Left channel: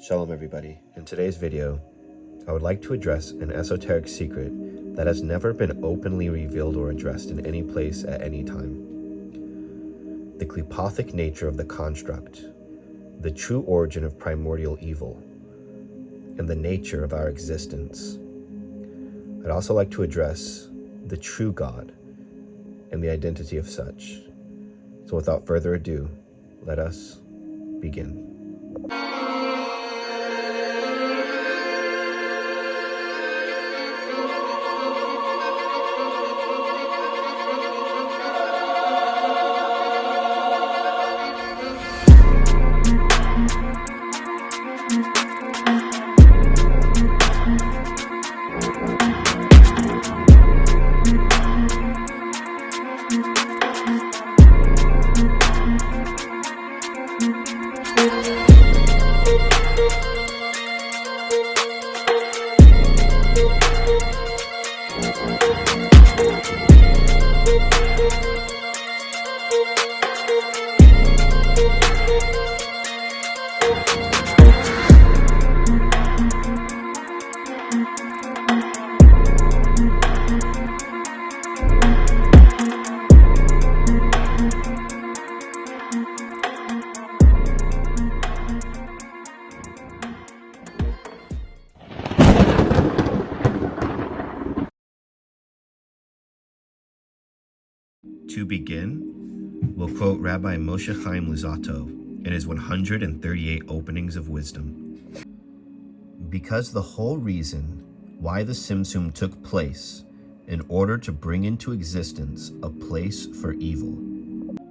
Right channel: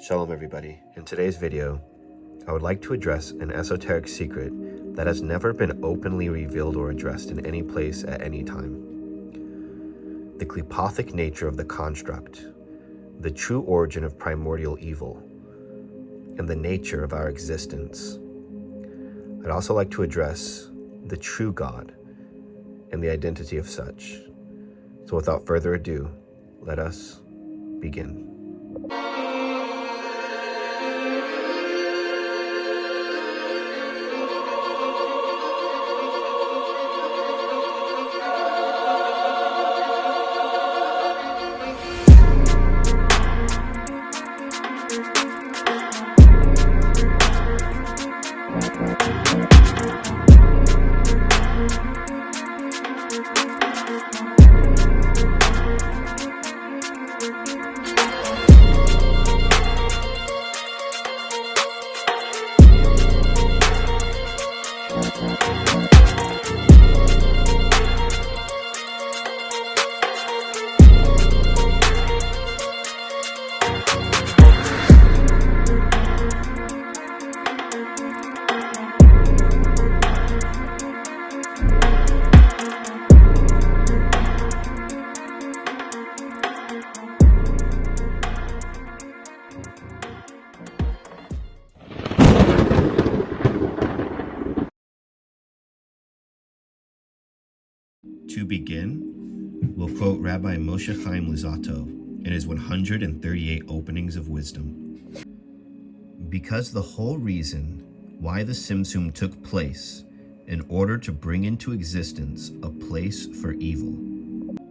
Shalom everybody. In today's video, I would like to address an esoteric secret that has never been openly revealed or addressed in any place at any time. The klipothic nature of the construct, the true origin of primordial evil, and the nature of our existence. I'd also like to address the true God and the identity of such. So without further ado, let us begin. To begin, we'll quote Rabbi Moshe Chaim Luzzatto in his 138 Openings of Wisdom. Because the whole reason why the Tzimtzum took place in order to bring into existence a place for evil.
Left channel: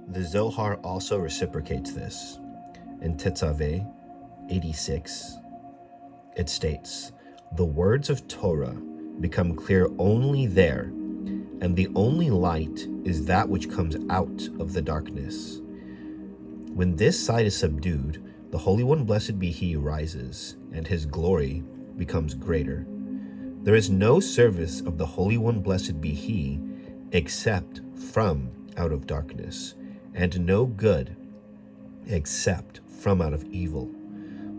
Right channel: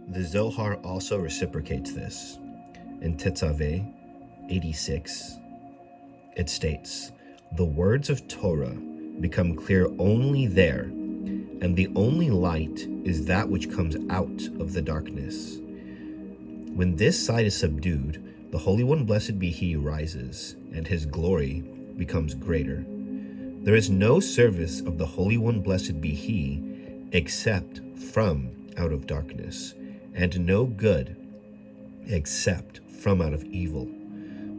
The Zohar also reciprocates this. In Tetzaveh 86, it states, "The words of Torah become clear only there, and the only light is that which comes out of the darkness. When this side is subdued, the Holy One, blessed be He, rises, and His glory becomes greater. There is no service of the Holy One, blessed be He, except from out of darkness, and no good except from out of evil.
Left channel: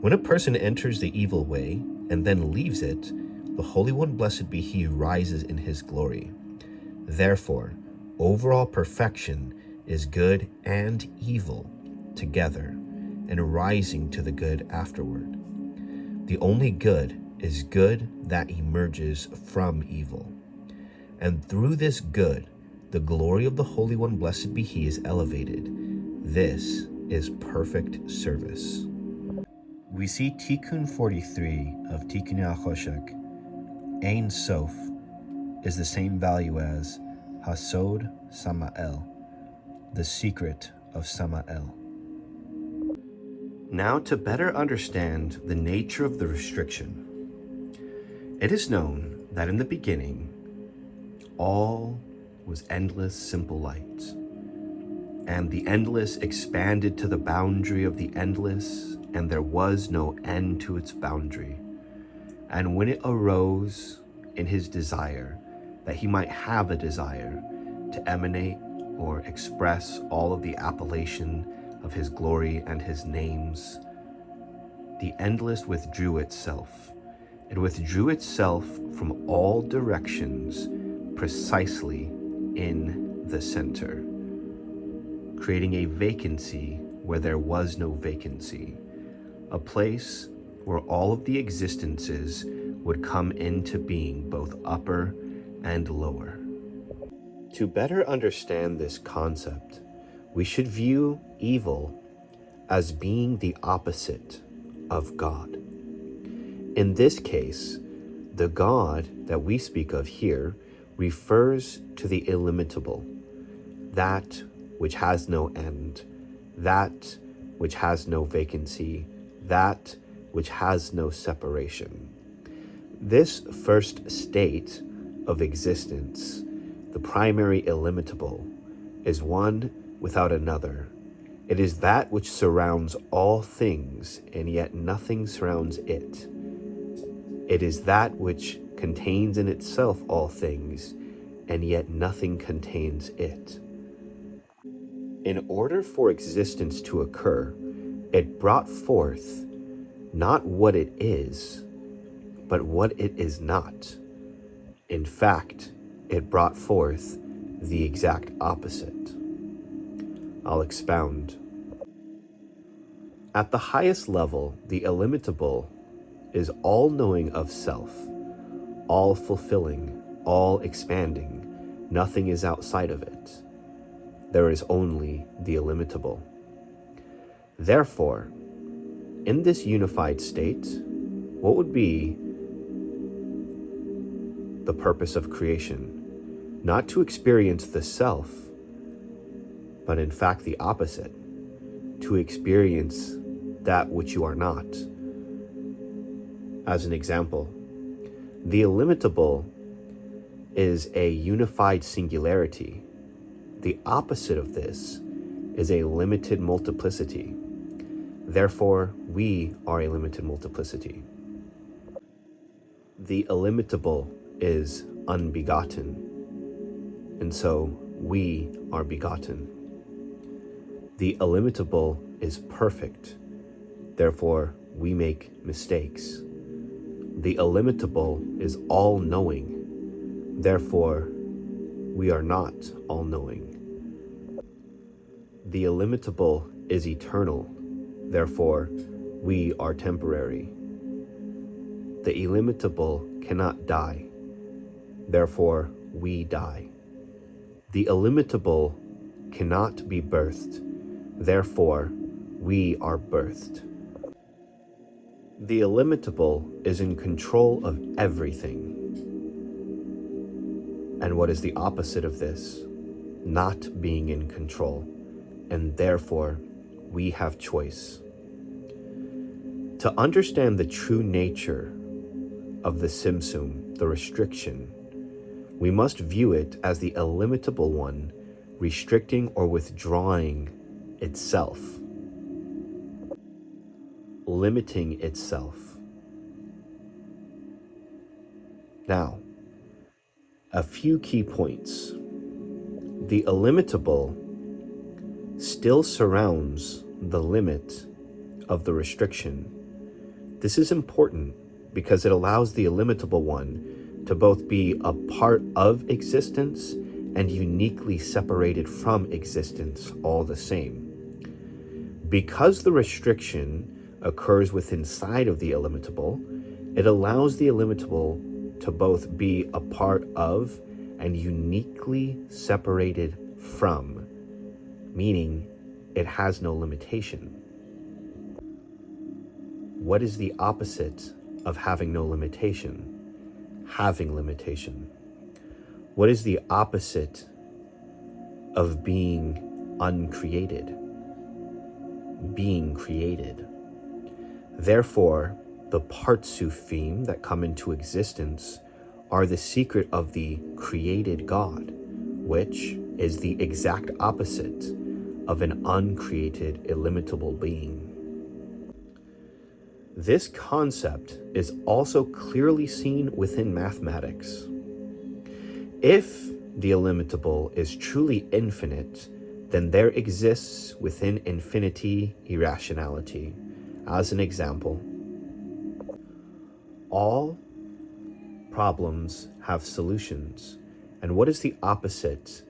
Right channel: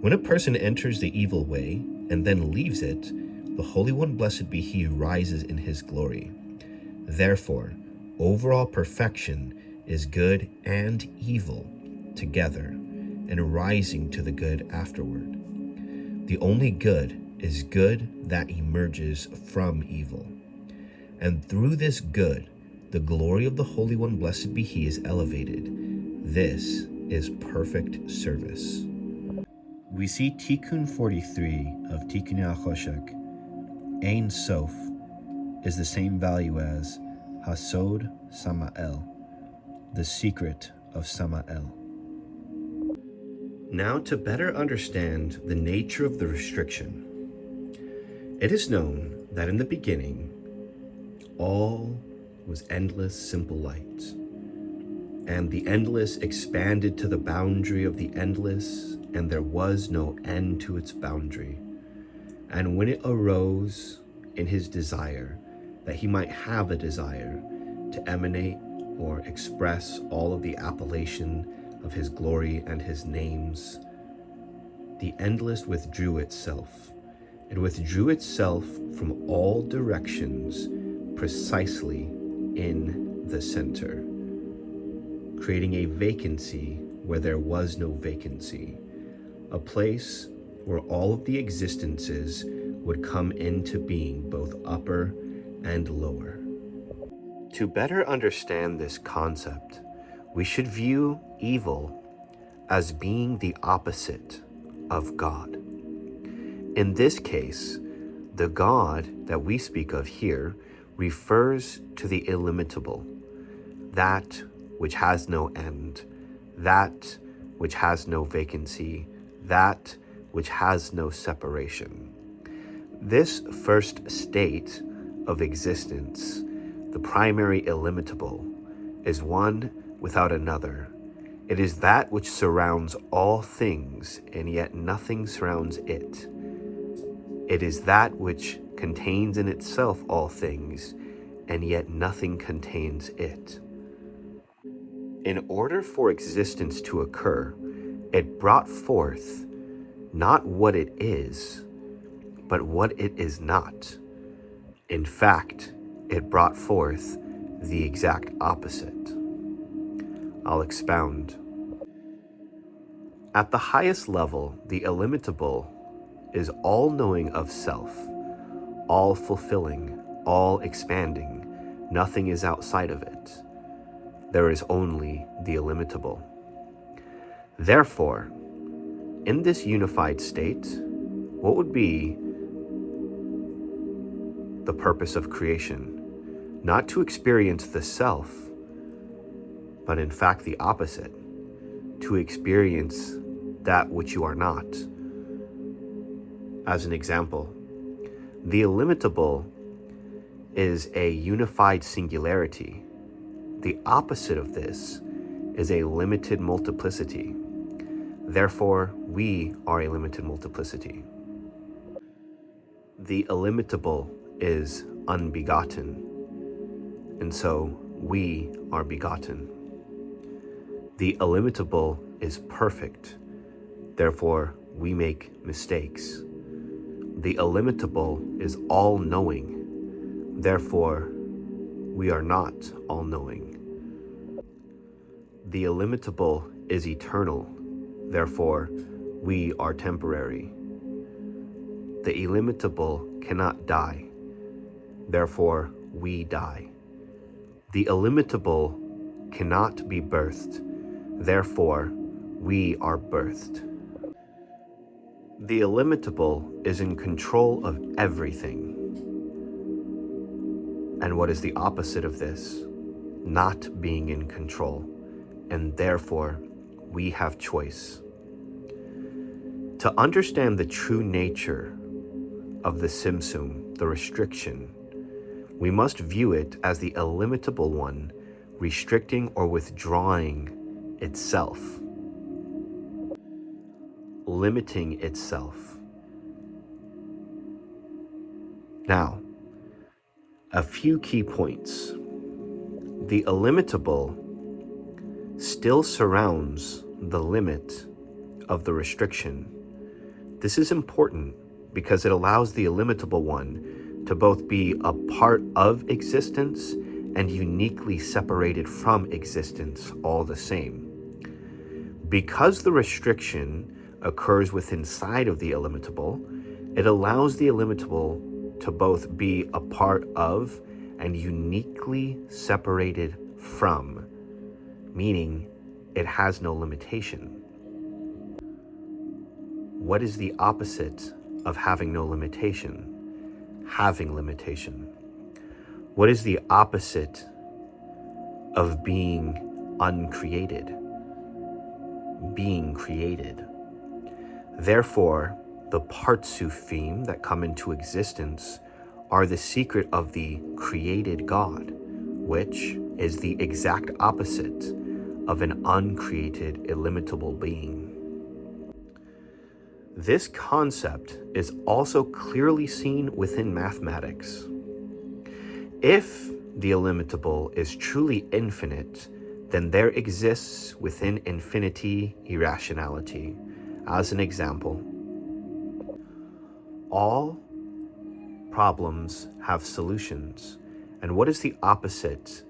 When a person enters the evil way and then leaves it, the Holy One, blessed be He, rises in His glory. Therefore, overall perfection is good and evil together, and rising to the good afterward. The only good is good that emerges from evil. And through this good, the glory of the Holy One, blessed be He, is elevated. This is perfect service." We see Tikkun 43 of Tikkunei HaChoshek, Ein Sof, is the same value as Hasod Samael, the secret of Samael. Now, to better understand the nature of the restriction, it is known that in the beginning, all was endless simple light, and the endless expanded to the boundary of the endless, and there was no end to its boundary. And when it arose in His desire, that He might have a desire to emanate or express all of the appellation of His glory and His names, the endless withdrew itself. It withdrew itself from all directions precisely in the center, creating a vacancy where there was no vacancy, a place where all of the existences would come into being, both upper and lower. To better understand this concept, we should view evil as being the opposite of God. In this case, the God that we speak of here refers to the illimitable, that which has no end, that which has no vacancy, that which has no separation. This first state of existence, the primary illimitable, is one without another. It is that which surrounds all things, and yet nothing surrounds it. It is that which contains in itself all things, and yet nothing contains it. In order for existence to occur, it brought forth not what it is, but what it is not. In fact, it brought forth the exact opposite. I'll expound. At the highest level, the illimitable is all-knowing of self, all-fulfilling, all-expanding. Nothing is outside of it. There is only the illimitable. Therefore, in this unified state, what would be the purpose of creation? Not to experience the self, but in fact the opposite, to experience that which you are not. As an example, the illimitable is a unified singularity. The opposite of this is a limited multiplicity. Therefore, we are a limited multiplicity. The illimitable is unbegotten, and so we are begotten. The illimitable is perfect, therefore we make mistakes. The illimitable is all-knowing, therefore we are not all-knowing. The illimitable is eternal, therefore we are temporary. The illimitable cannot die, therefore we die. The illimitable cannot be birthed, therefore we are birthed. The illimitable is in control of everything. And what is the opposite of this? Not being in control, and therefore we have choice. To understand the true nature of the Simsum, the restriction, we must view it as the illimitable one restricting or withdrawing itself, limiting itself. Now, a few key points. The illimitable still surrounds the limit of the restriction. This is important because it allows the illimitable one to both be a part of existence and uniquely separated from existence all the same. Because the restriction occurs within inside of the illimitable, it allows the illimitable to both be a part of and uniquely separated from, meaning it has no limitation. What is the opposite of having no limitation? Having limitation. What is the opposite of being uncreated? Being created. Therefore, the Partsufim that come into existence are the secret of the created God, which is the exact opposite of an uncreated, illimitable being. This concept is also clearly seen within mathematics. If the illimitable is truly infinite, then there exists within infinity irrationality. As an example, all problems have solutions. And what is the opposite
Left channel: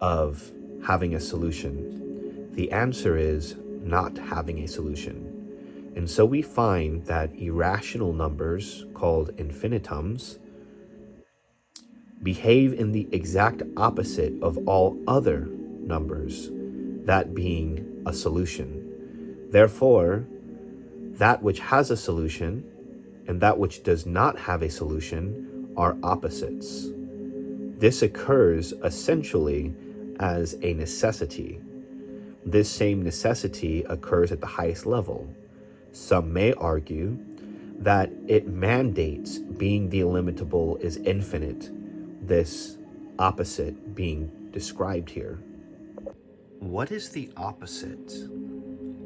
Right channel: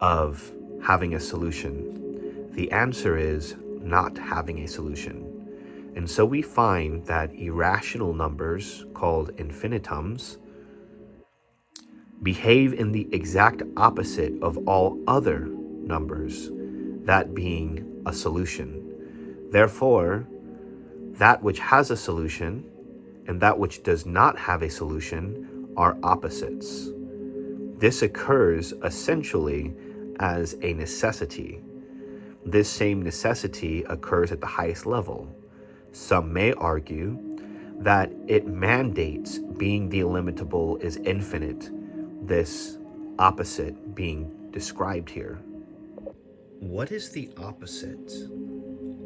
of having a solution? The answer is not having a solution. And so we find that irrational numbers, called infinitums, behave in the exact opposite of all other numbers, that being a solution. Therefore, that which has a solution and that which does not have a solution are opposites. This occurs essentially as a necessity. This same necessity occurs at the highest level. Some may argue that it mandates being the illimitable is infinite, this opposite being described here. What is the opposite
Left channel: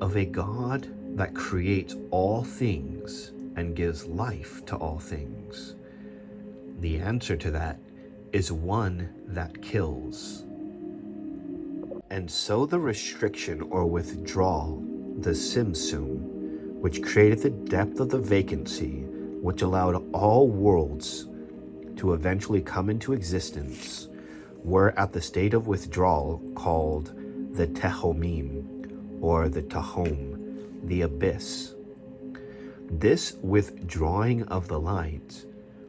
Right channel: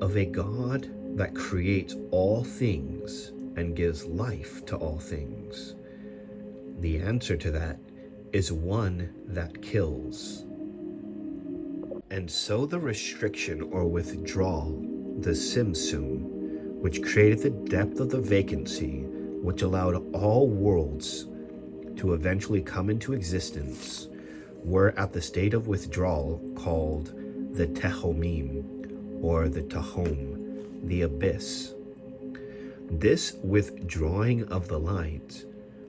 of a God that creates all things and gives life to all things? The answer to that is one that kills. And so the restriction or withdrawal, the Simsum, which created the depth of the vacancy, which allowed all worlds to eventually come into existence, were at the state of withdrawal called the Tehomim, or the Tahom, the abyss. This withdrawing of the light,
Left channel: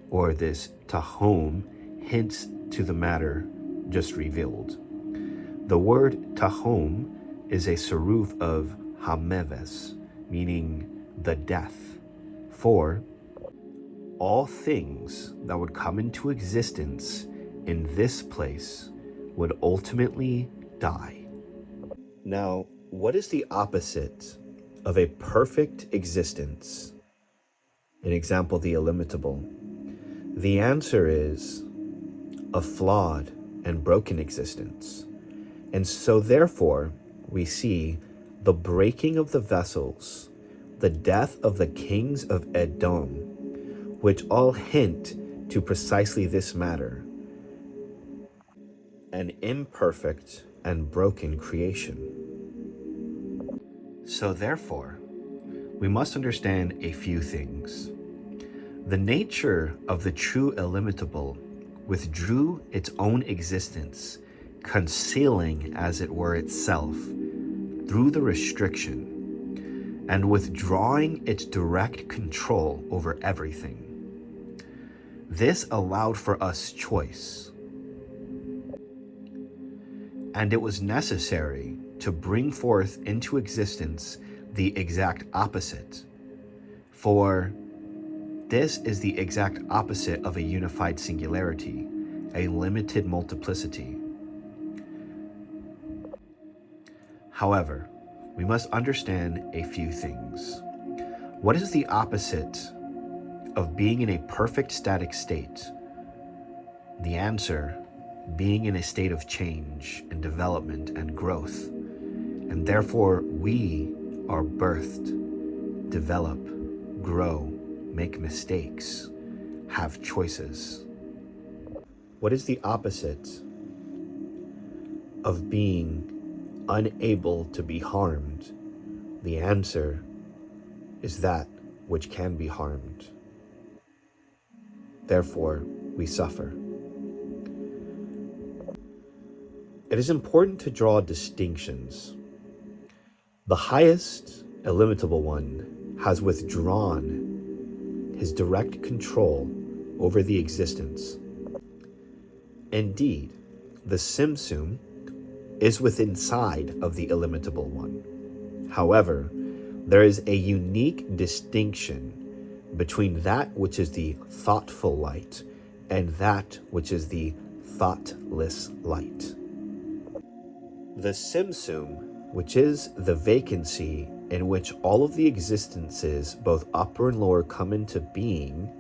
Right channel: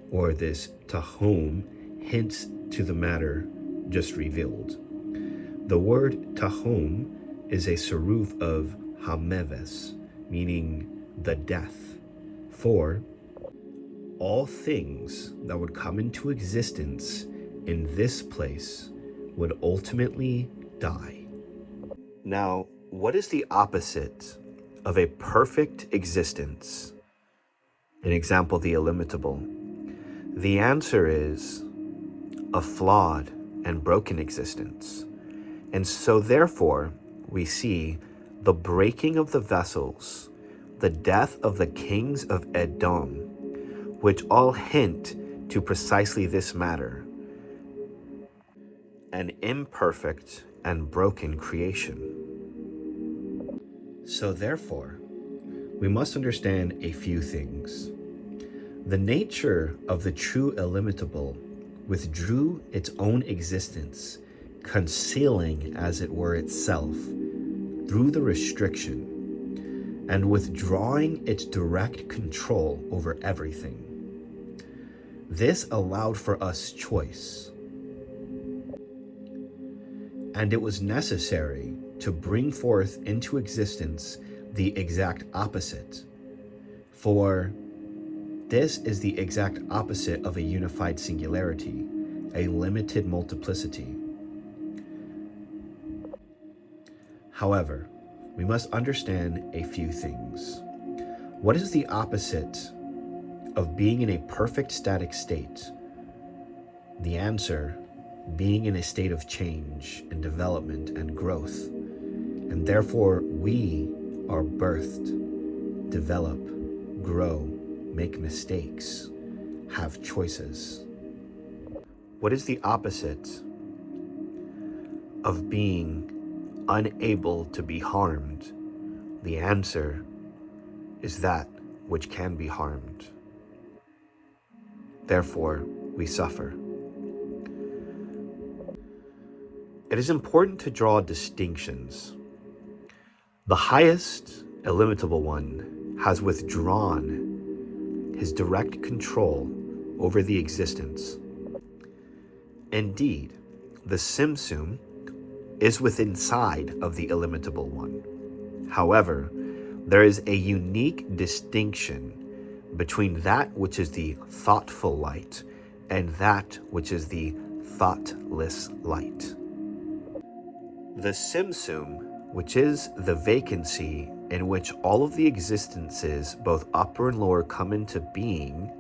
or this Tahom, hints to the matter just revealed. The word Tahom is a seruf of Hameves, meaning the death, for all things that would come into existence in this place would ultimately die. Now, what is the opposite of a perfect existence? An example, the illimitable. The answer is a flawed and broken existence. And so therefore, we see the breaking of the vessels, the death of the kings of Edom, which all hint to precisely this matter, an imperfect and broken creation. So therefore, we must understand a few things. The nature of the true illimitable withdrew its own existence, concealing as it were itself through the restriction and withdrawing its direct control over everything. This allowed for us choice, and it was necessary to bring forth into existence the exact opposite, for this is the exact opposite of a unified singularity, a limited multiplicity. However, we must understand a few things. What is the opposite of being in a perfect static state? The answer, being in a state of change and development and growth. And therefore, we are birthed, develop, grow, make mistakes, have choices. What is the opposite of being unable to be harmed? The answer is that which can be harmed. Therefore, we suffer. It is important to draw distinctions. The highest, illimitable one has withdrawn his direct control over the existence. Indeed, the Simsum is within inside of the illimitable one. However, there is a unique distinction between that which is the thoughtful light and that which is the thoughtless light. The Simsum, which is the vacancy in which all of the existences, both upper and lower, come into being,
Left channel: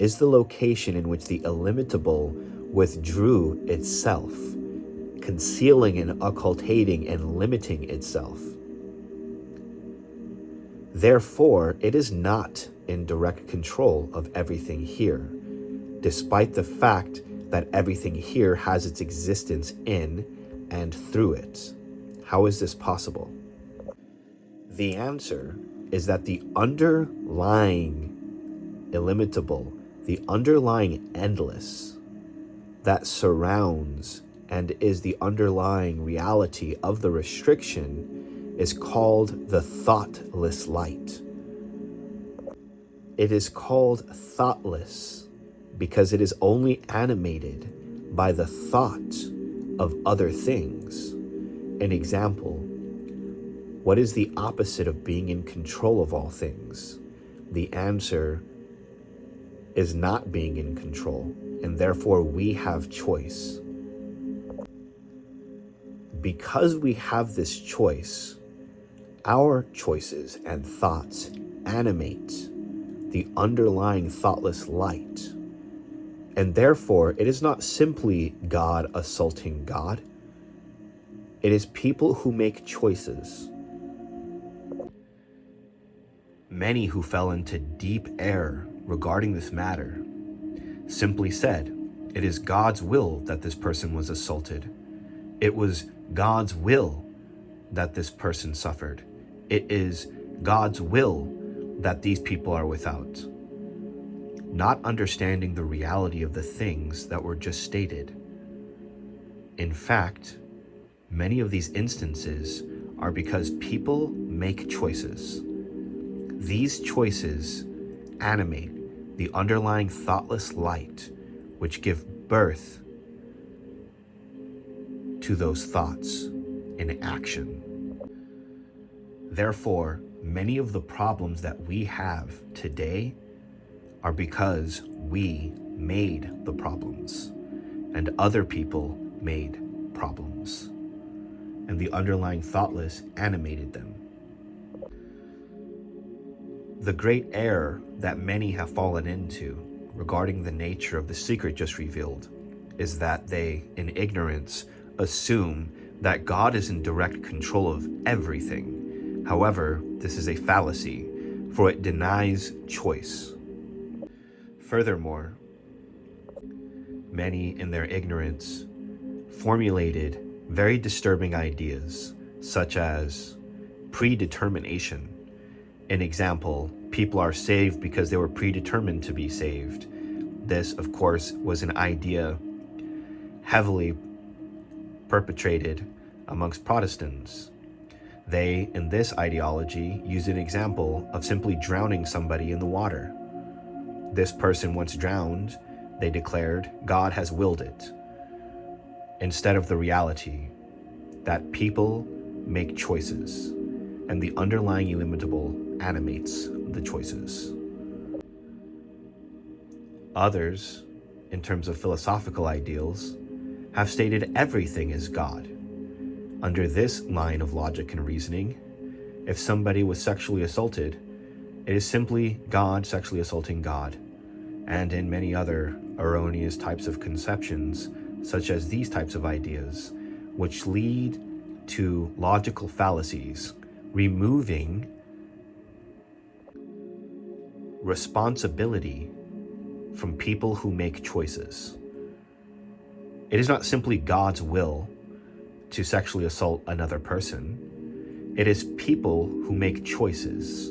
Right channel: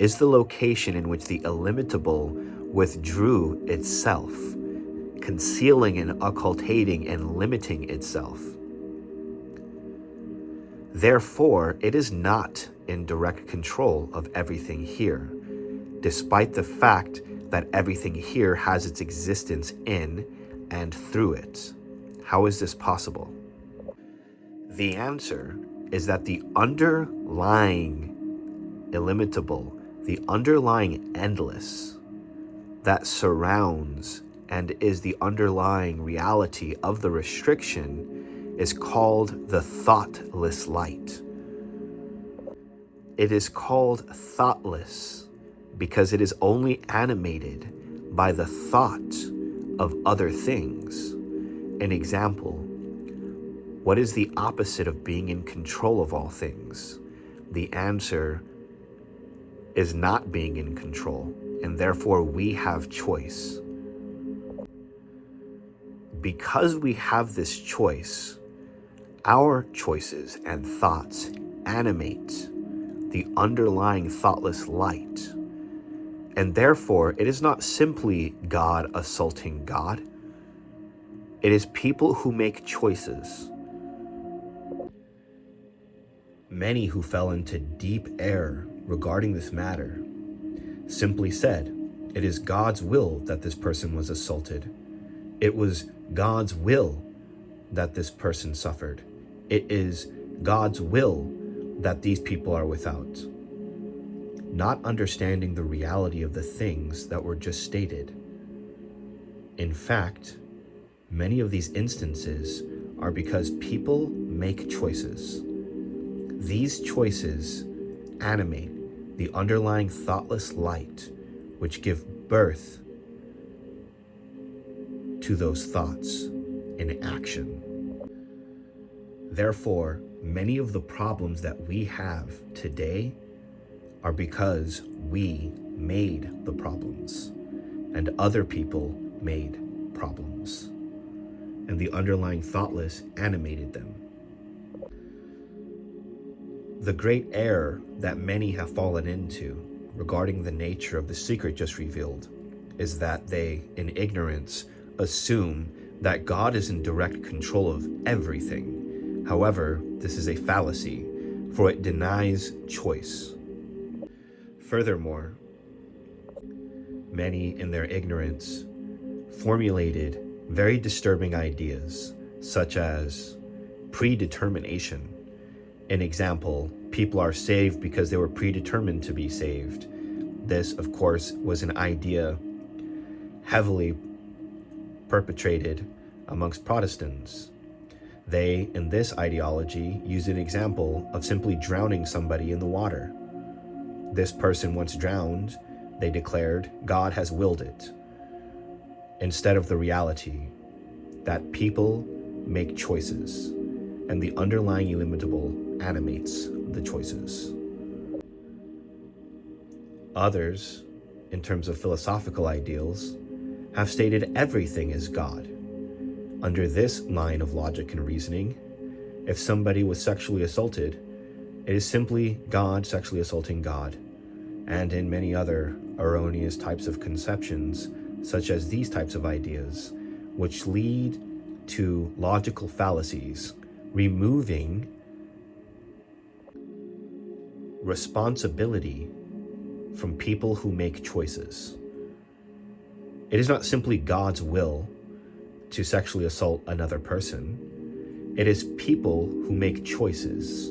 is the location in which the illimitable withdrew itself, concealing and occultating and limiting itself. Therefore, it is not in direct control of everything here, despite the fact that everything here has its existence in and through it. How is this possible? The answer is that the underlying illimitable, the underlying endless that surrounds and is the underlying reality of the restriction is called the thoughtless light. It is called thoughtless because it is only animated by the thought of other things. An example, what is the opposite of being in control of all things? The answer is not being in control, and therefore we have choice. Because we have this choice, our choices and thoughts animate the underlying thoughtless light. And therefore, it is not simply God assaulting God. It is people who make choices. Many who fell into deep error regarding this matter simply said, it is God's will that this person was assaulted. It was God's will that this person suffered. It is God's will that these people are without, not understanding the reality of the things that were just stated. In fact, many of these instances are because people make choices. These choices animate the underlying thoughtless light, which give birth to those thoughts in action. Therefore, many of the problems that we have today are because we made the problems, and other people made problems, and the underlying thoughtless animated them. The great error that many have fallen into regarding the nature of the secret just revealed is that they, in ignorance, assume that God is in direct control of everything. However, this is a fallacy, for it denies choice. Furthermore, many in their ignorance formulated very disturbing ideas, such as predetermination. An example, people are saved because they were predetermined to be saved. This, of course, was an idea heavily perpetrated amongst Protestants. They, in this ideology, use an example of simply drowning somebody in the water. This person, once drowned, they declared, God has willed it, instead of the reality that people make choices, and the underlying illimitable animates the choices. Others, in terms of philosophical ideals, have stated everything is God. Under this line of logic and reasoning, if somebody was sexually assaulted, it is simply God sexually assaulting God. And in many other erroneous types of conceptions, such as these types of ideas, which lead to logical fallacies, removing responsibility from people who make choices. It is not simply God's will to sexually assault another person. It is people who make choices.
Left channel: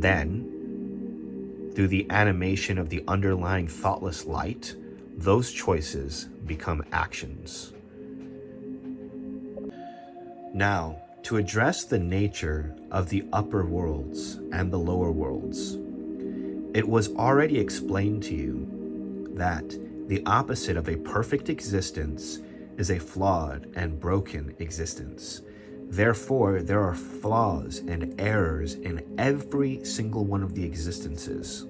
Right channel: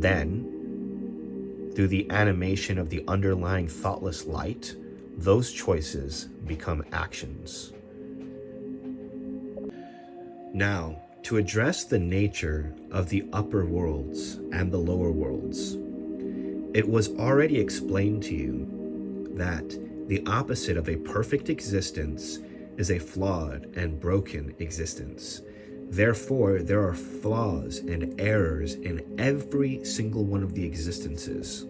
Then, through the animation of the underlying thoughtless light, those choices become actions. Now, to address the nature of the upper worlds and the lower worlds, it was already explained to you that the opposite of a perfect existence is a flawed and broken existence. Therefore, there are flaws and errors in every single one of the existences.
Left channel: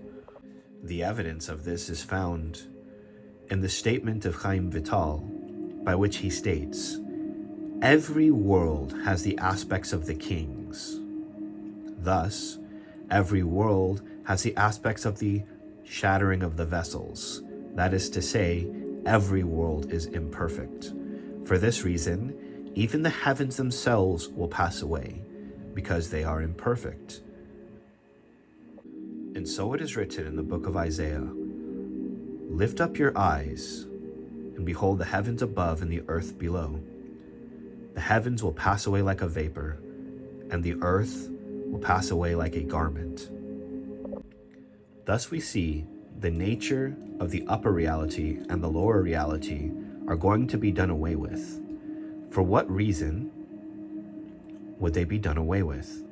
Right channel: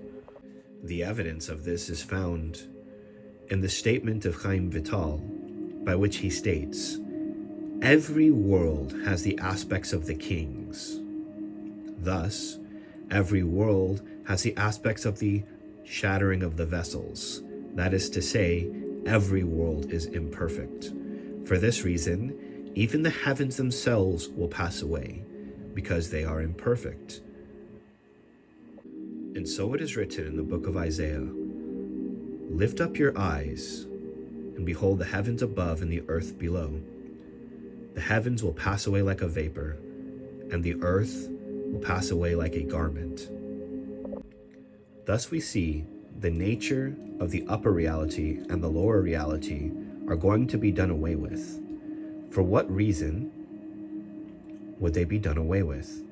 The evidence of this is found in the statement of Chaim Vital, by which he states, every world has the aspects of the kings. Thus, every world has the aspects of the shattering of the vessels. That is to say, every world is imperfect. For this reason, even the heavens themselves will pass away, because they are imperfect. And so it is written in the book of Isaiah, lift up your eyes, and behold the heavens above and the earth below. The heavens will pass away like a vapor, and the earth will pass away like a garment. Thus we see the nature of the upper reality and the lower reality are going to be done away with. For what reason would they be done away with?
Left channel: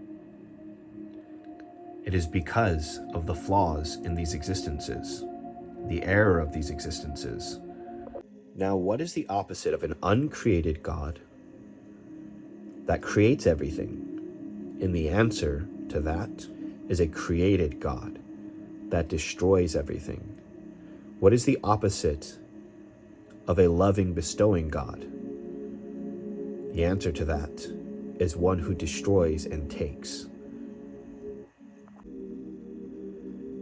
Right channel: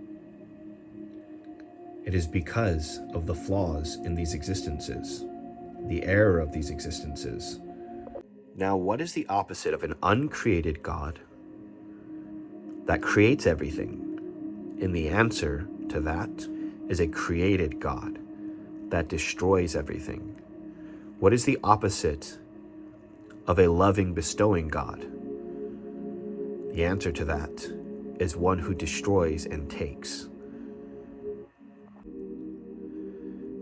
It is because of the flaws in these existences, the error of these existences. Now, what is the opposite of an uncreated God that creates everything? And the answer to that is a created God that destroys everything. What is the opposite of a loving, bestowing God? The answer to that is one who destroys and takes.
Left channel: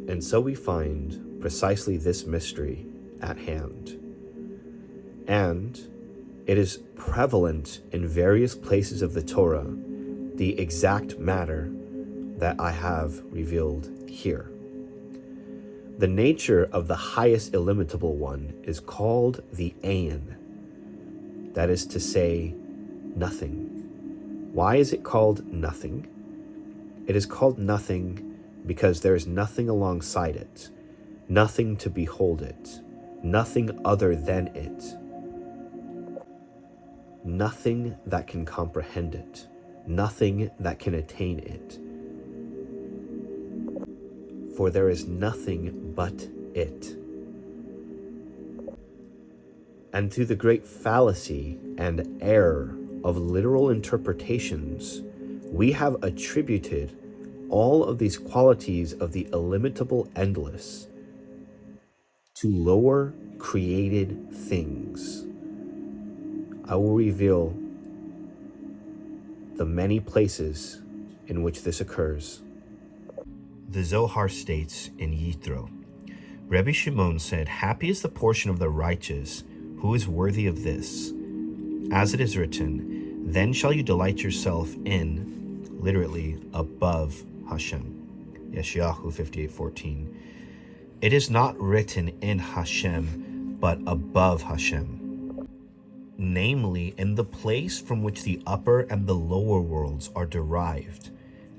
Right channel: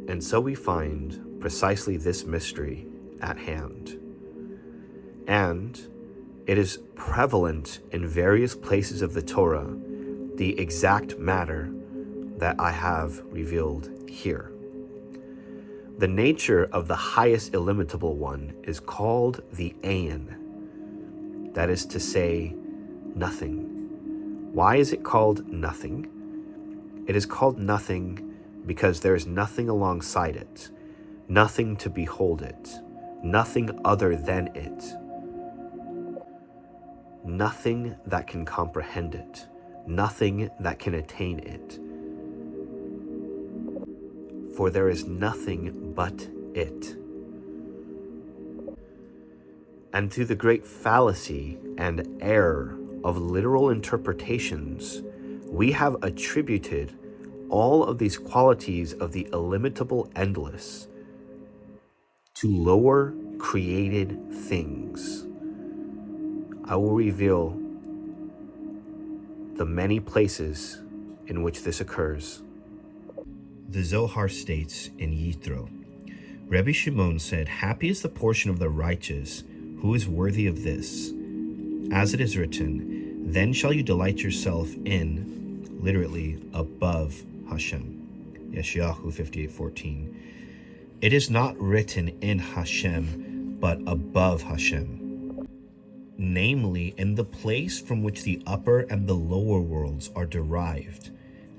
And so we find precisely this mystery at hand. And it is prevalent in various places of the Torah, the exact matter that I have revealed here. The nature of the highest illimitable one is called the Ein. That is to say, nothing. Why is it called nothing? It is called nothing because there is nothing alongside it, nothing to behold it, nothing other than it, nothing that can comprehend it, nothing that can attain it. For there is nothing but it. And through the great fallacy and error of literal interpretations, we have attributed all of these qualities of the illimitable endless to lower created things. I will reveal the many places in which this occurs. The Zohar states in Yitro, Rebbe Shimon said, "Happy is the portion of the righteous who is worthy of this. As it is written, then shall you delight yourself in," literally, above Hashem. Yeshayahu 58:14. It is not written in Hashem, but above Hashem. Namely, in the place from which the upper and the lower worlds are derived,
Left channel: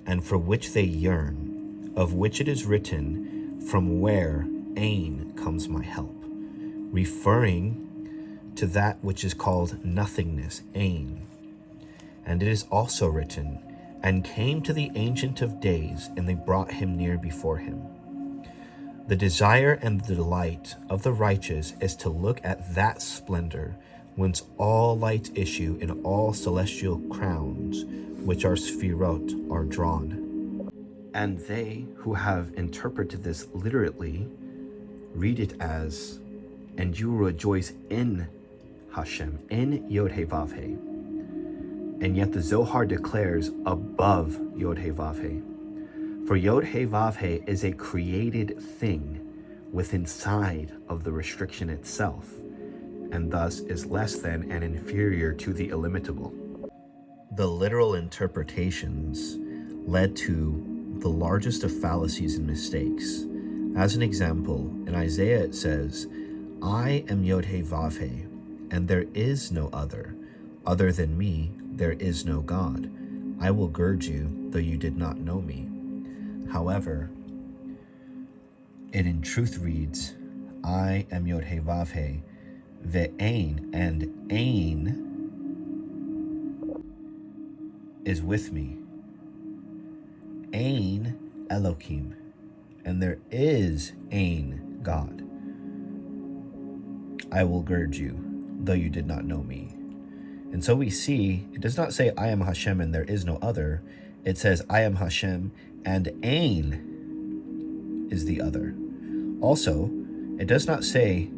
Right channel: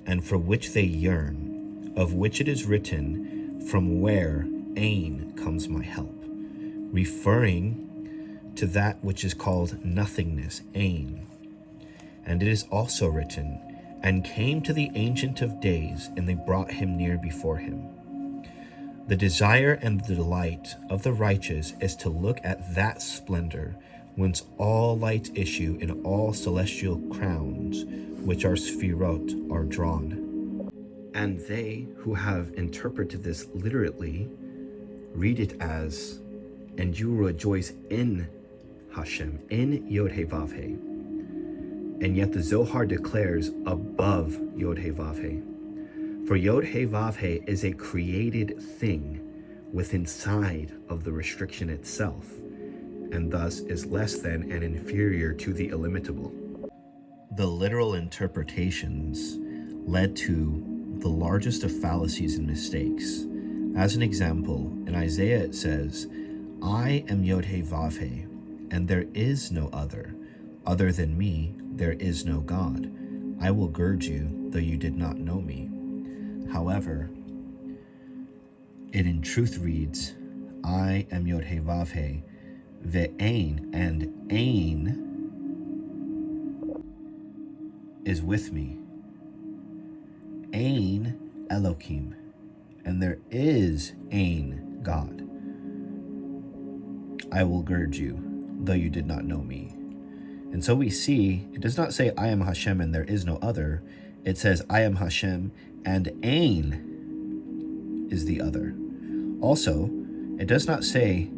and for which they yearn, of which it is written, from where Ain comes my help, referring to that which is called nothingness, Ain. And it is also written, and came to the Ancient of Days, and they brought him near before him. The desire and the delight of the righteous is to look at that splendor whence all lights issue in all celestial crowns, which are sphirot, are drawn. And they who have interpreted this literally read it as, and you rejoice in Hashem, in Yod He Vav He. And yet the Zohar declares above Yod He Vav He. For Yod He Vav He is a created thing within inside of the restriction itself, and thus is less than and inferior to the illimitable. The literal interpretations led to the largest of fallacies and mistakes. As an example, in Isaiah it says, I am Yod He Vav He, and there is no other. Other than me, there is no God. I will gird you, though you did not know me. However, it in truth reads, I am Yod He Vav He, Ve'ain, and Ain is with me. Ain Elohim, and there is Ain God. I will gird you, though you did not know me. And so we see, it does not say I am Hashem and there is no other. It says I am Hashem and Ain is the other. Also, it does not say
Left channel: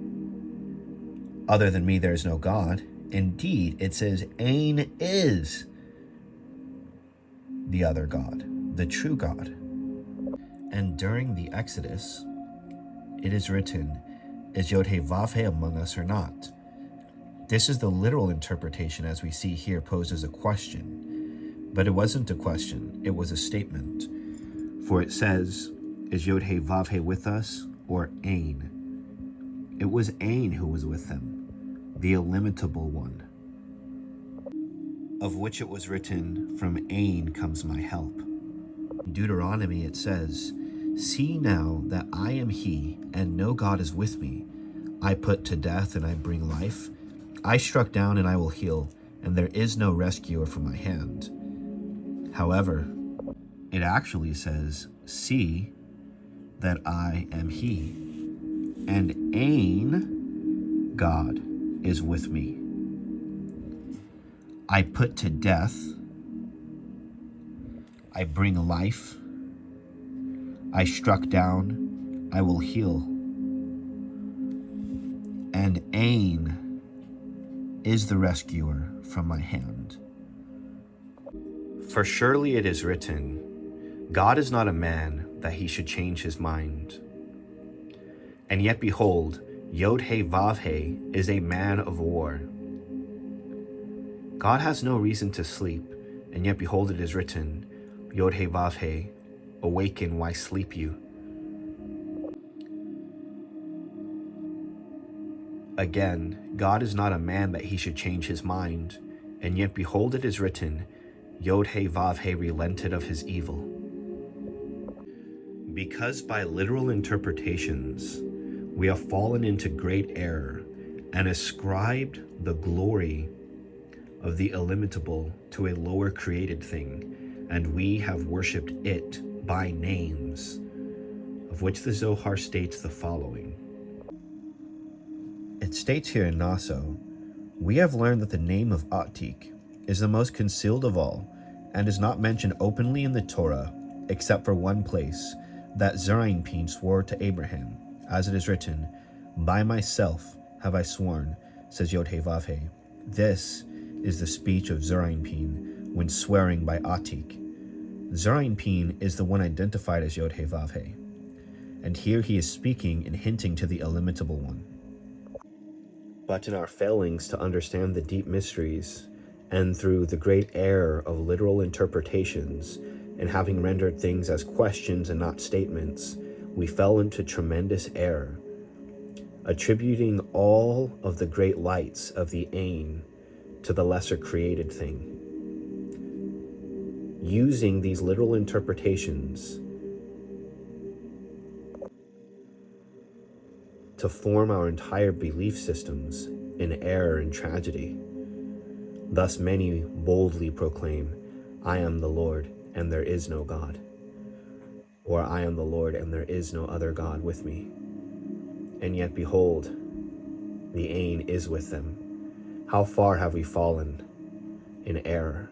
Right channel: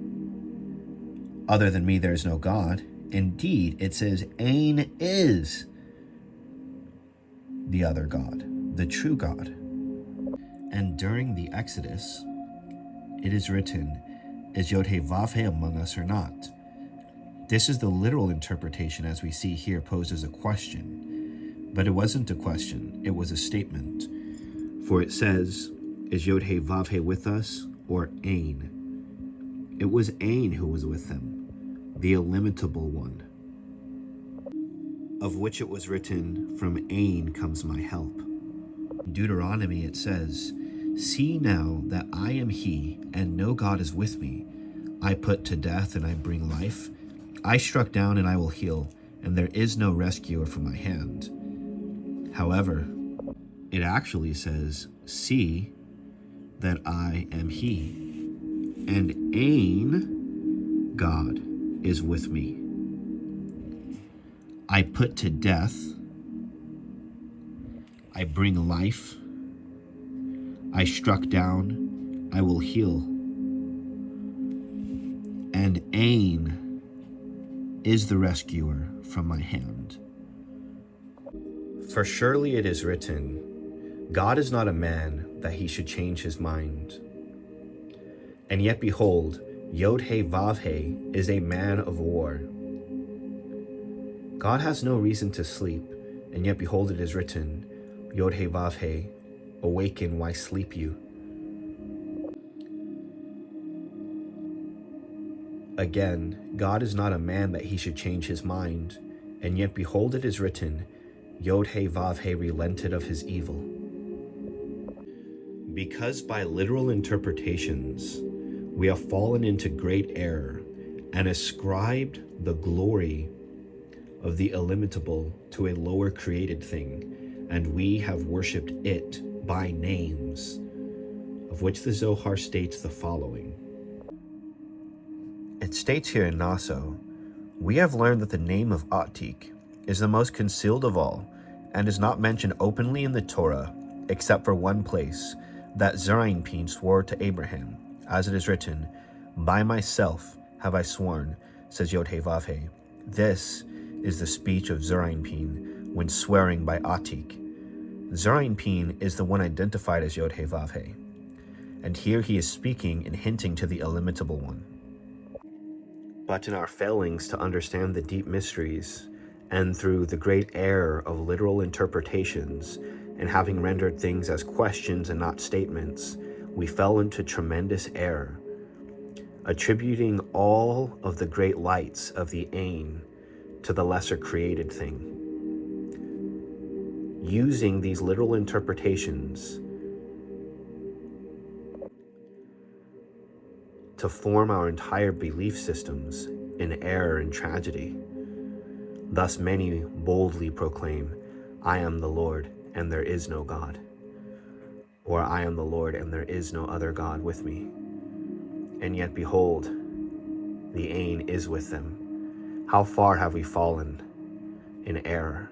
other than me there is no God. Indeed, it says Ain is the other God, the true God. And during the Exodus, it is written, is Yod He Vav He among us or not? This is the literal interpretation as we see here posed as a question. But it wasn't a question, it was a statement. For it says, is Yod He Vav He with us or Ain? It was Ain who was with them, the illimitable one, of which it was written, from Ain comes my help. In Deuteronomy it says, see now that I am He, and no God is with me. I put to death and I bring life. I struck down and I will heal, and there is no rescuer from my hand. However, it actually says, see that I am He, and Ain, God, is with me. I put to death, I bring life, I struck down, I will heal, and Ain is the rescuer from my hand. For surely it is written, God is not a man that he should change his mind. And yet behold, Yod He Vav He is a man of war. God has no reason to sleep, and yet behold it is written, Yod He Vav He, awaken, why sleep you? Again, God is not a man that he should change his mind, and yet behold it is written, Yod He Vav He relented of his evil. Because by literal interpretations we have fallen into great error and ascribed the glory of the illimitable to a lower created thing, and we have worshipped it by names, of which the Zohar states the following. It states here in Naso, we have learned that the name of Atik is the most concealed of all, and is not mentioned openly in the Torah, except for one place, that Zerainpin swore to Abraham, as it is written, by myself have I sworn, says Yod-Heh-Vav-Heh. This is the speech of Zerainpin when swearing by Atik. Zerainpin is the one identified as Yod-Heh-Vav-Heh, and here he is speaking and hinting to the illimitable one. But in our failings to understand the deep mysteries, and through the great error of literal interpretations, and having rendered things as questions and not statements, we fell into tremendous error, attributing all of the great lights of the Ein to the lesser created thing. Using these literal interpretations to form our entire belief systems in error and tragedy. Thus many boldly proclaim, I am the Lord, and there is no God. Or I am the Lord, and there is no other God with me. And yet behold, the Ein is with them. How far have we fallen in error?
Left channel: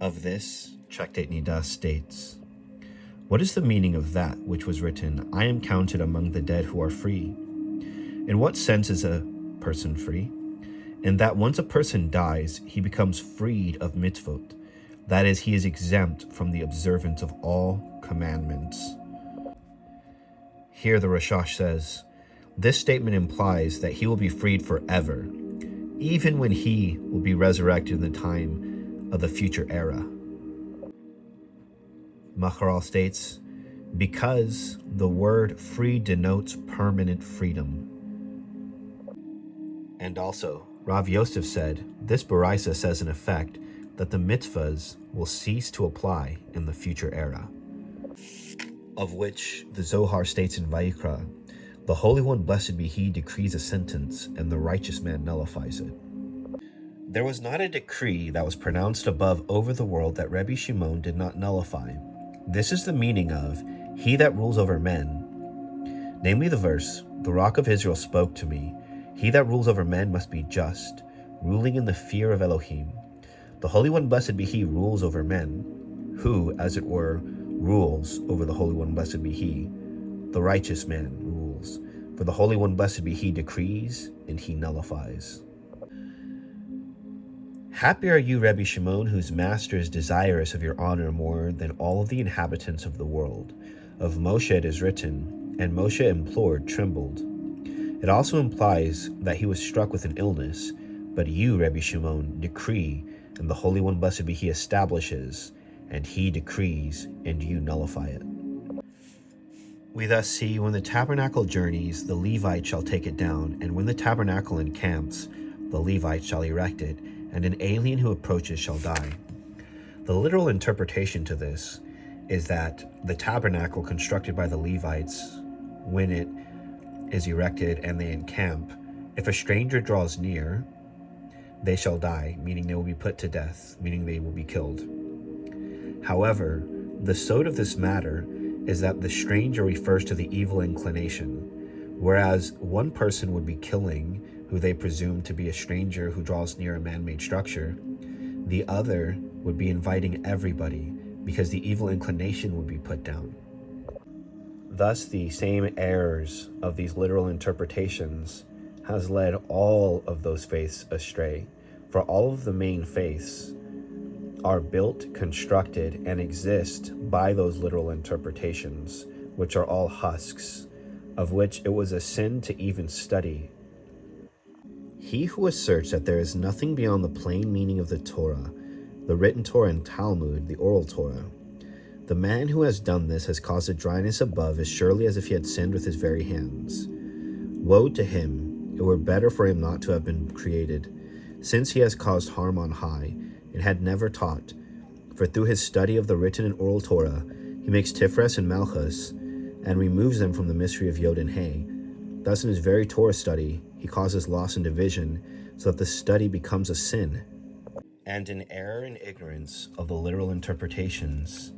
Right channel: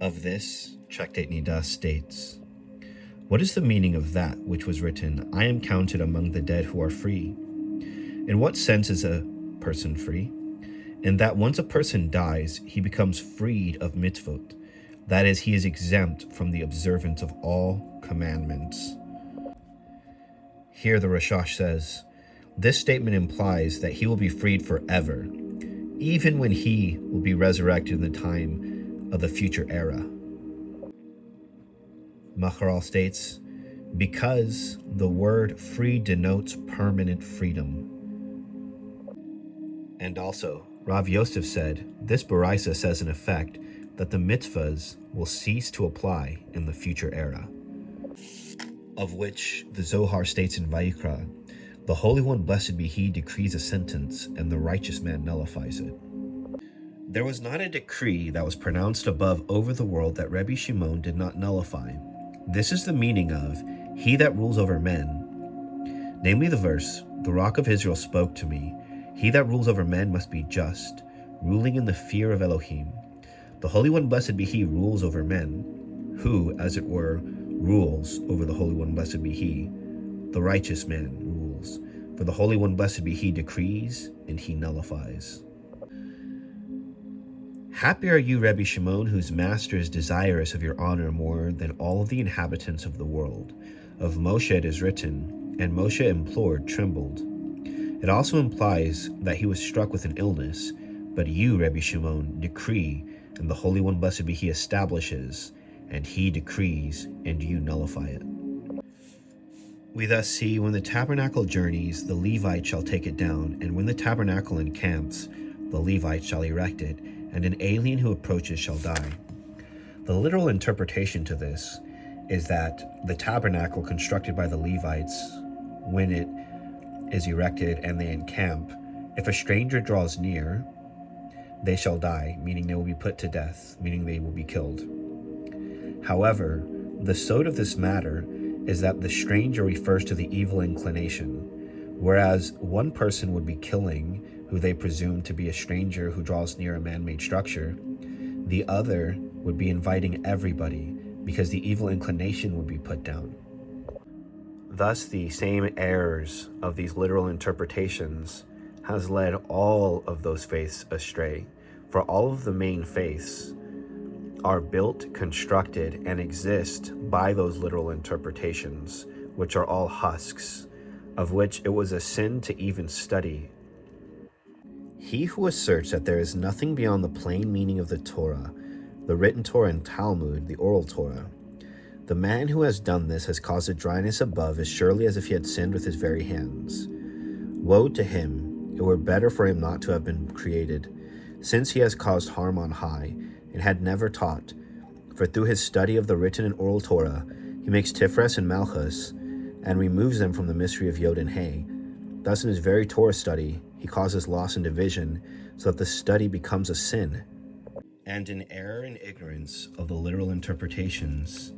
Of this, Tractate Nida states, what is the meaning of that which was written, I am counted among the dead who are free? In what sense is a person free? In that once a person dies, he becomes freed of mitzvot. That is, he is exempt from the observance of all commandments. Here the Rashash says, this statement implies that he will be freed forever, even when he will be resurrected in the time of the future era. Maharal states, because the word free denotes permanent freedom. And also, Rav Yosef said, this Baraisa says in effect that the mitzvahs will cease to apply in the future era. Of which the Zohar states in Vayikra, the Holy One, blessed be He, decrees a sentence, and the righteous man nullifies it. There was not a decree that was pronounced above over the world that Rebbe Shimon did not nullify. This is the meaning of, he that rules over men. Namely the verse, the Rock of Israel spoke to me, he that rules over men must be just, ruling in the fear of Elohim. The Holy One, blessed be He, rules over men, who, as it were, rules over the Holy One, blessed be He. The righteous man rules. For the Holy One, blessed be He, decrees, and He nullifies. Happy are you, Rebbe Shimon, whose master is desirous of your honor more than all of the inhabitants of the world. Of Moshe it is written, and Moshe implored, trembled. It also implies that he was struck with an illness, but you, Rebbe Shimon, decree, and the Holy One, blessed be He, establishes, and He decrees, and you nullify it. We thus see, when the tabernacle journeys, the Levite shall take it down, and when the tabernacle encamps, the Levite shall erect it, and an alien who approaches shall die. The literal interpretation to this is that the tabernacle constructed by the Levites, when it is erected and they encamp, if a stranger draws near, they shall die, meaning they will be put to death, meaning they will be killed. However, the sod of this matter is that the stranger refers to the evil inclination, whereas one person would be killing who they presume to be a stranger who draws near a man-made structure, the other would be inviting everybody because the evil inclination would be put down. Thus, the same errors of these literal interpretations has led all of those faiths astray. For all of the main faiths are built, constructed, and exist by those literal interpretations, which are all husks, of which it was a sin to even study. He who asserts that there is nothing beyond the plain meaning of the Torah, the written Torah and Talmud, the oral Torah, the man who has done this has caused a dryness above as surely as if he had sinned with his very hands. Woe to him! It were better for him not to have been created, since he has caused harm on high, and had never taught. For through his study of the written and oral Torah, He makes Tifres and Malchus and removes them from the mystery of Yod and He. Thus in his very Torah study, he causes loss and division so that the study becomes a sin. And in error and ignorance of the literal interpretations,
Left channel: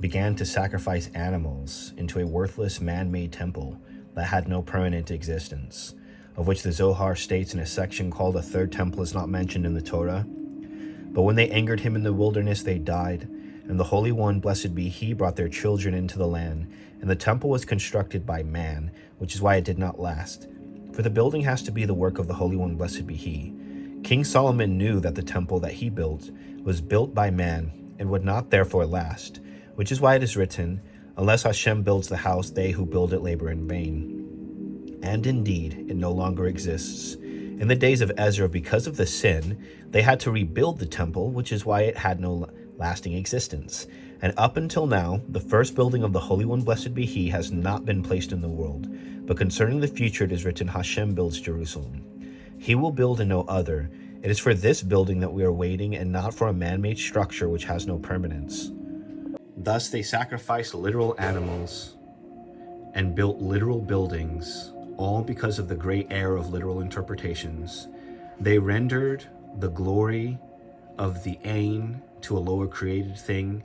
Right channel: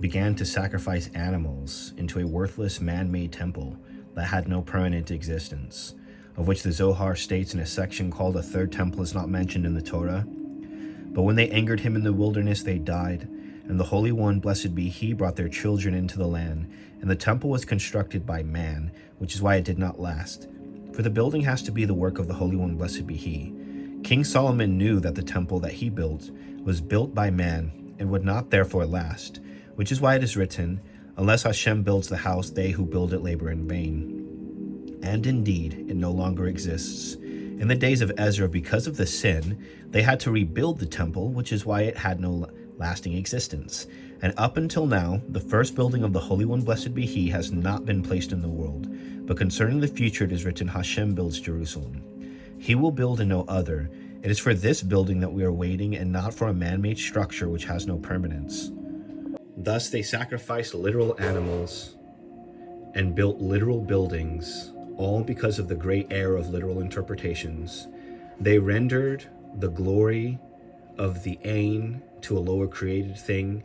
began to sacrifice animals into a worthless man-made temple that had no permanent existence, of which the Zohar states in a section called a third temple is not mentioned in the Torah. But when they angered him in the wilderness, they died, and the Holy One, blessed be He, brought their children into the land, and the temple was constructed by man, which is why it did not last. For the building has to be the work of the Holy One, blessed be He. King Solomon knew that the temple that he built was built by man and would not therefore last, which is why it is written, unless Hashem builds the house, they who build it labor in vain. And indeed, it no longer exists. In the days of Ezra, because of the sin, they had to rebuild the temple, which is why it had no lasting existence. And up until now, the first building of the Holy One, blessed be He, has not been placed in the world. But concerning the future, it is written, Hashem builds Jerusalem. He will build and no other. It is for this building that we are waiting, and not for a man-made structure which has no permanence. Thus they sacrificed literal animals and built literal buildings, all because of the great error of literal interpretations. They rendered the glory of the Ain to a lower created thing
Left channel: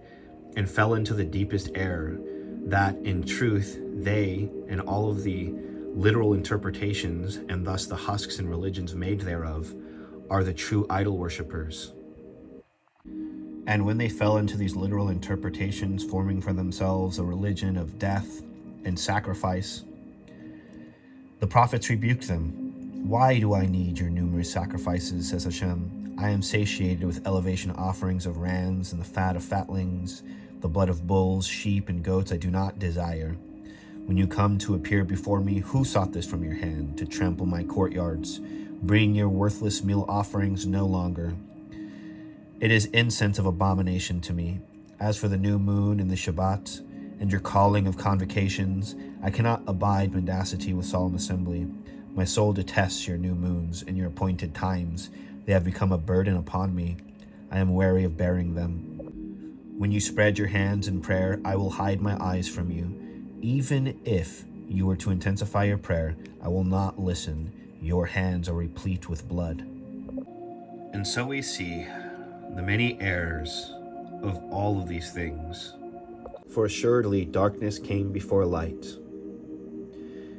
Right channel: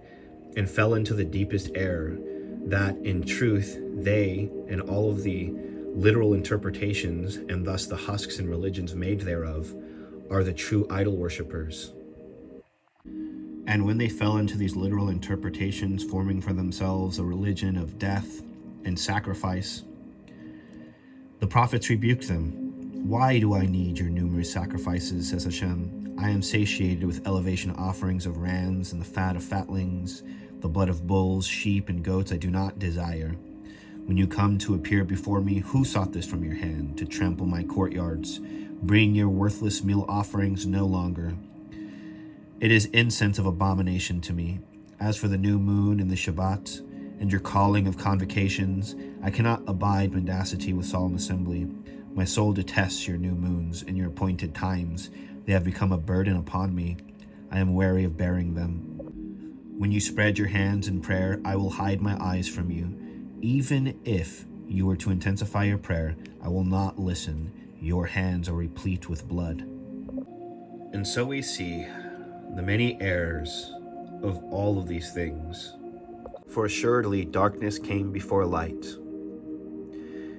and fell into the deepest error that in truth they and all of the literal interpretations, and thus the husks and religions made thereof, are the true idol worshippers. And when they fell into these literal interpretations, forming for themselves a religion of death and sacrifice, the prophets rebuked them. Why do I need your numerous sacrifices, says Hashem? I am satiated with elevation offerings of rams and the fat of fatlings, the blood of bulls, sheep, and goats I do not desire. When you come to appear before me, who sought this from your hand, to trample my courtyards? Bring your worthless meal offerings no longer. It is incense of abomination to me. As for the new moon and the Shabbat, and your calling of convocations, I cannot abide mendacity with solemn assembly. My soul detests your new moons and your appointed times. They have become a burden upon me. I am weary of bearing them. When you spread your hands in prayer, I will hide my eyes from you. Even if you were to intensify your prayer, I will not listen. Your hands are replete with blood. And so we see the many errors of all of these things. For assuredly darkness came before light.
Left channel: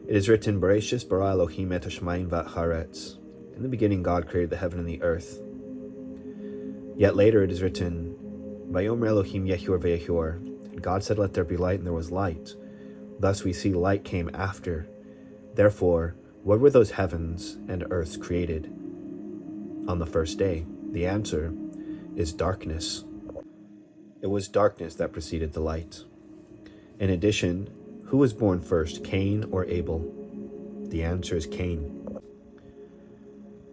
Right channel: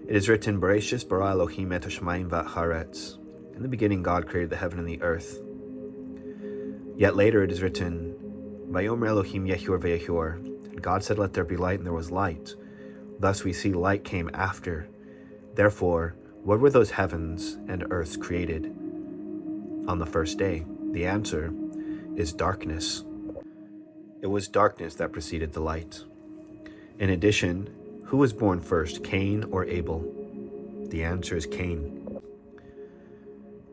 It is written, Bereshis bara Elohim et hashamayim v'haaretz. In the beginning God created the heaven and the earth. Yet later it is written, Vayomer Elohim yehior ve'yehior. And God said, let there be light, and there was light. Thus we see light came after. Therefore, what were those heavens and earths created on the first day? The answer is darkness. It was darkness that preceded the light. In addition, who was born first, Cain or Abel? The answer is Cain.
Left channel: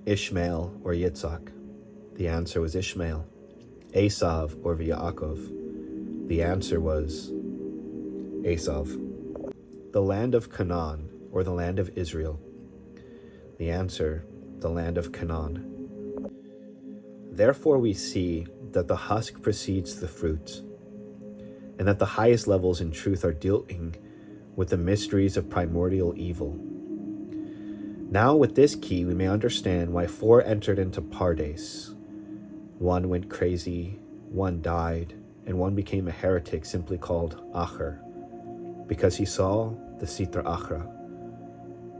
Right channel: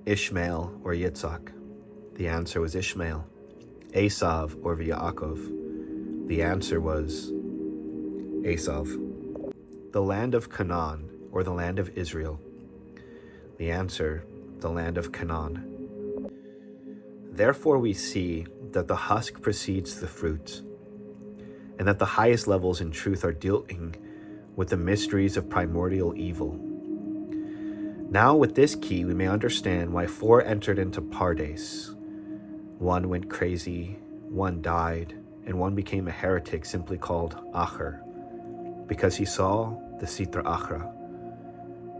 Ishmael or Yitzhak? The answer was Ishmael. Esav or Yaakov? The answer was Esav. The land of Canaan or the land of Israel? The answer, the land of Canaan. Therefore we see that the husk precedes the fruit, and that the highest levels in truth are dealing with the mysteries of primordial evil. Now with this key we may understand why 4 entered into Pardes. 1 went crazy, 1 died, and 1 became a heretic simply called Acher, because he saw the Sitra Achra.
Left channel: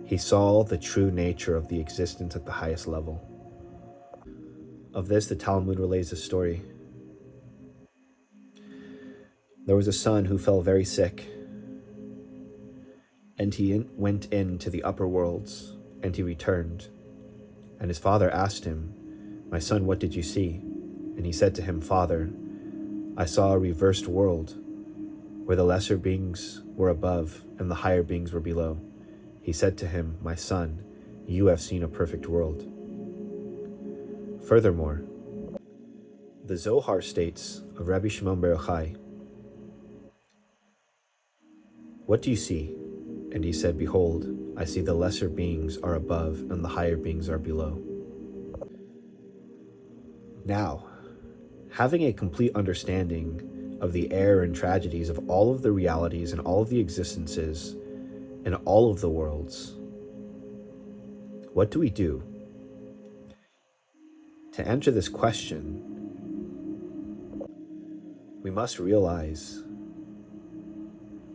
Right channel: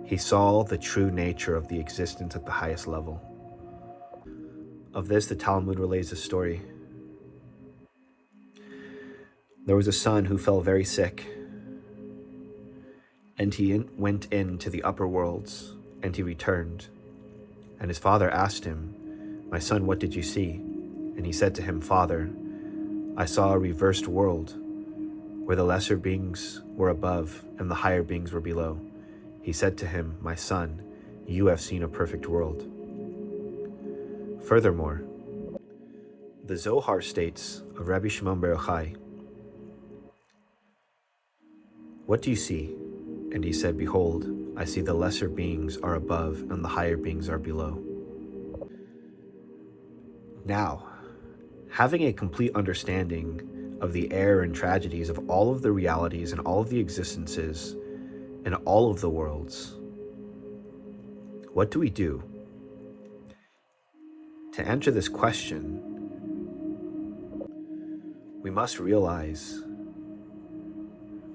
He saw the true nature of the existence at the highest level. Of this, the Talmud relays a story. There was a son who fell very sick, and he went into the upper worlds, and he returned. And his father asked him, my son, what did you see? And he said to him, Father, I saw a reversed world, where the lesser beings were above and the higher beings were below. He said to him, my son, you have seen a perfect world. Furthermore, the Zohar states of Rabbi Shimon bar Yochai, what do you see? And he said, behold, I see the lesser beings are above and the higher beings are below. Now, having a complete understanding of the error and tragedies of all of the realities and all of the existences and all of the worlds, what do we do? To answer this question, we must realize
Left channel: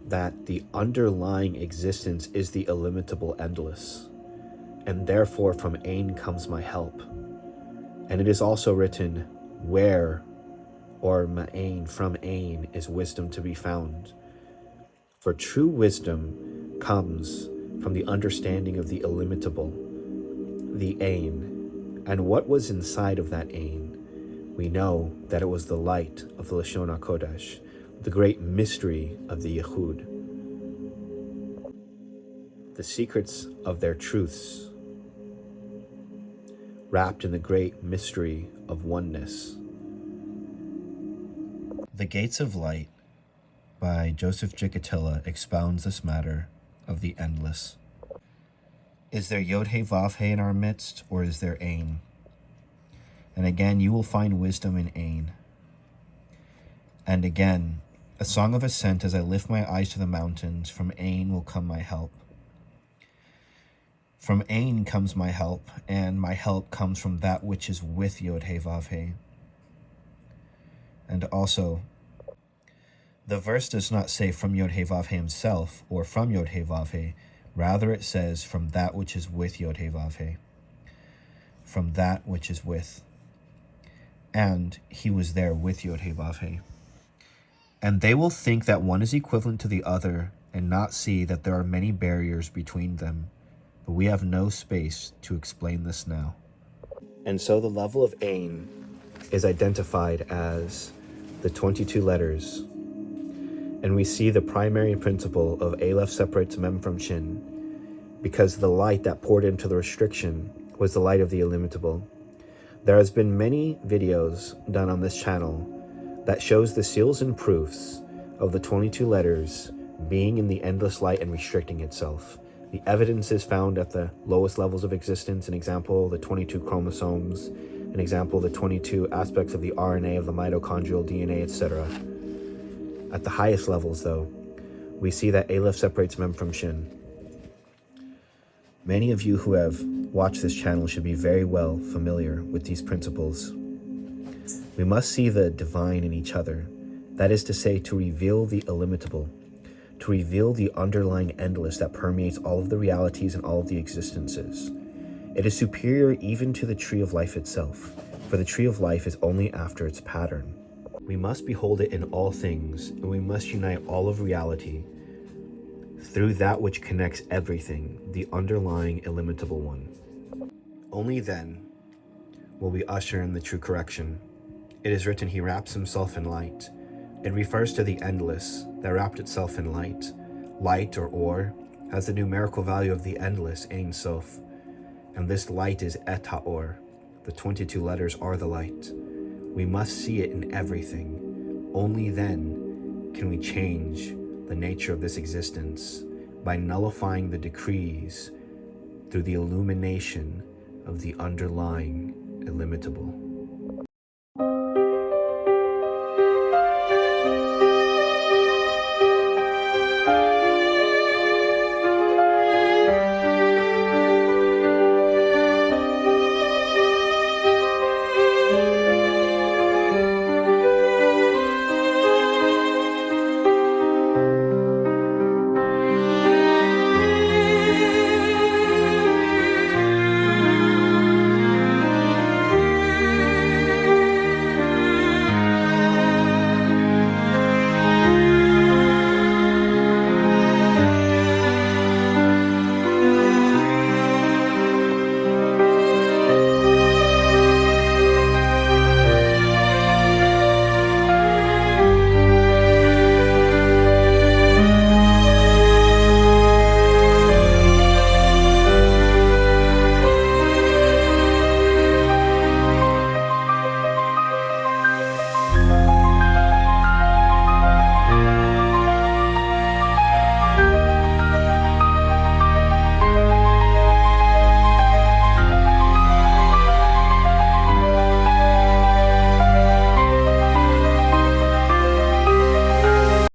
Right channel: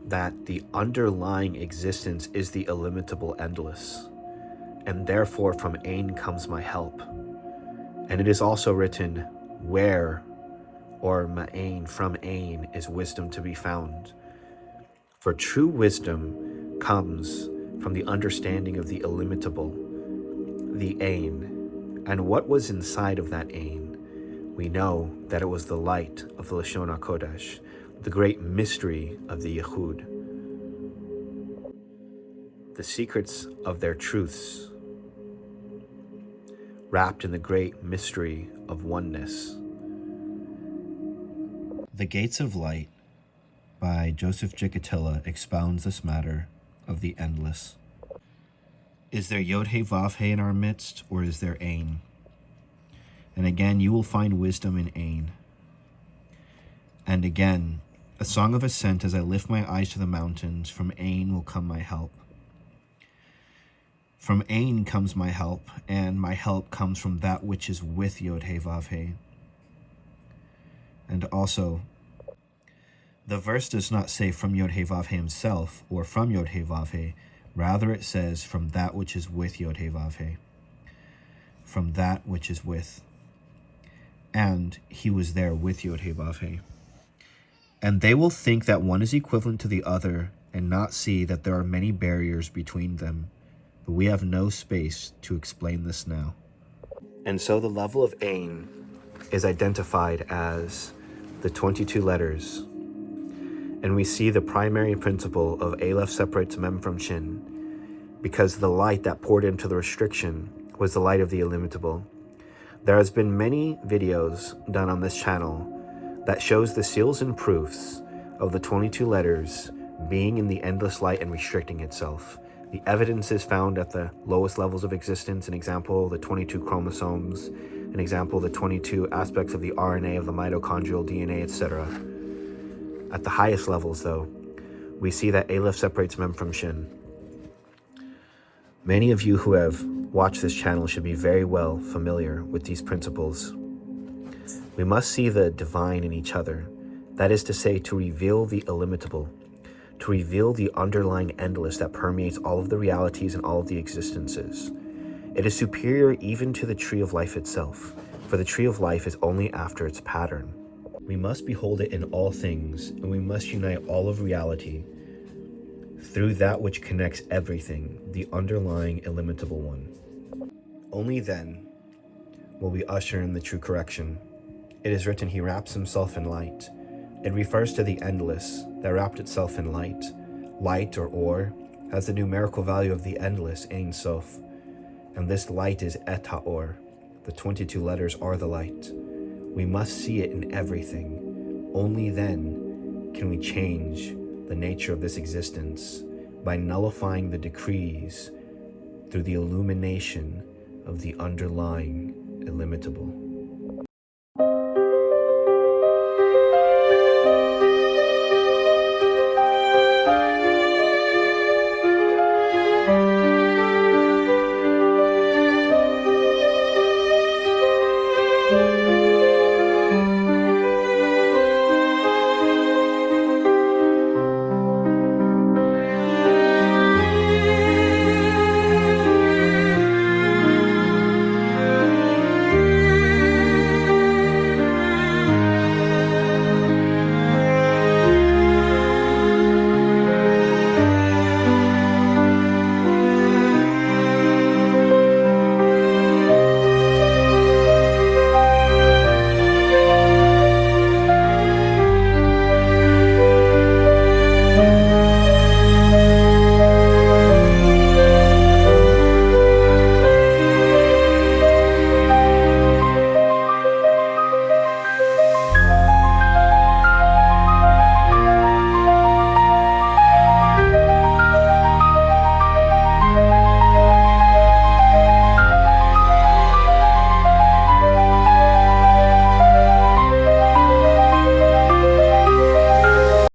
that the underlying existence is the illimitable endless, and therefore from Ain comes my help. And it is also written, where, or ma'ain, from Ain, is wisdom to be found. For true wisdom comes from the understanding of the illimitable, the Ain. And what was inside of that Ain? We know that it was the light of the Lashon HaKodesh, the great mystery of the Yehud, the secrets of their truths, wrapped in the great mystery of oneness. The Gates of Light by Joseph Jicatilla expounds this matter of the endless. Is there Yod He Vav He in our midst, or is there Ain? And again, you will find wisdom in Ain. And again, a song of ascent as I lift my eyes to the mountains, from Ain will come my help. From Ain comes my help, and my help comes from that which is with Yod He Vav He. And also, the verse does not say from Yod He Vav He himself, or from Yod He Vav He. Rather it says from that which is with Yod He Vav He. From that which is with. And he was there with Yod He Vav He. And they will think that one is equivalent to the other, and not see that there are many barriers between them. But we have no space to explain this now. And so the level of Ain is identified as the 22 letters. And we see the primary principle of Aleph separates Mem from Shin, because the light that poured into the restriction was the light of the illimitable. There has been many videos done on this channel that shows the seals and proofs of the 22 letters being in the endless light and restricting itself. The evidence is found at the lowest levels of existence, an example, the 22 chromosomes, an example, the 22 aspects of the RNA of the mitochondrial DNA, etc. At the highest levels, though, we see that Aleph separates Mem from Shin. Many of you who have watched this channel should be very well familiar with these principles. We must see the divine in each other, that is to say, to reveal the illimitable, to reveal the underlying endless that permeates all of the realities and all of the existences. It is superior even to the tree of life itself, for the tree of life is only after its pattern. We must behold it in all things, and we must unite all of reality through that which connects everything, the underlying illimitable one. Only then will we usher in the true correction. It is written, he wraps himself in light. It refers to the endless that wrapped itself in light. Light, or has the numerical value of the endless, Ein Sof. And this light is Et HaOr. The 22 letters are the light. We must see it in everything. Only then can we change the nature of this existence by nullifying the decrees through the illumination of the underlying illimitable.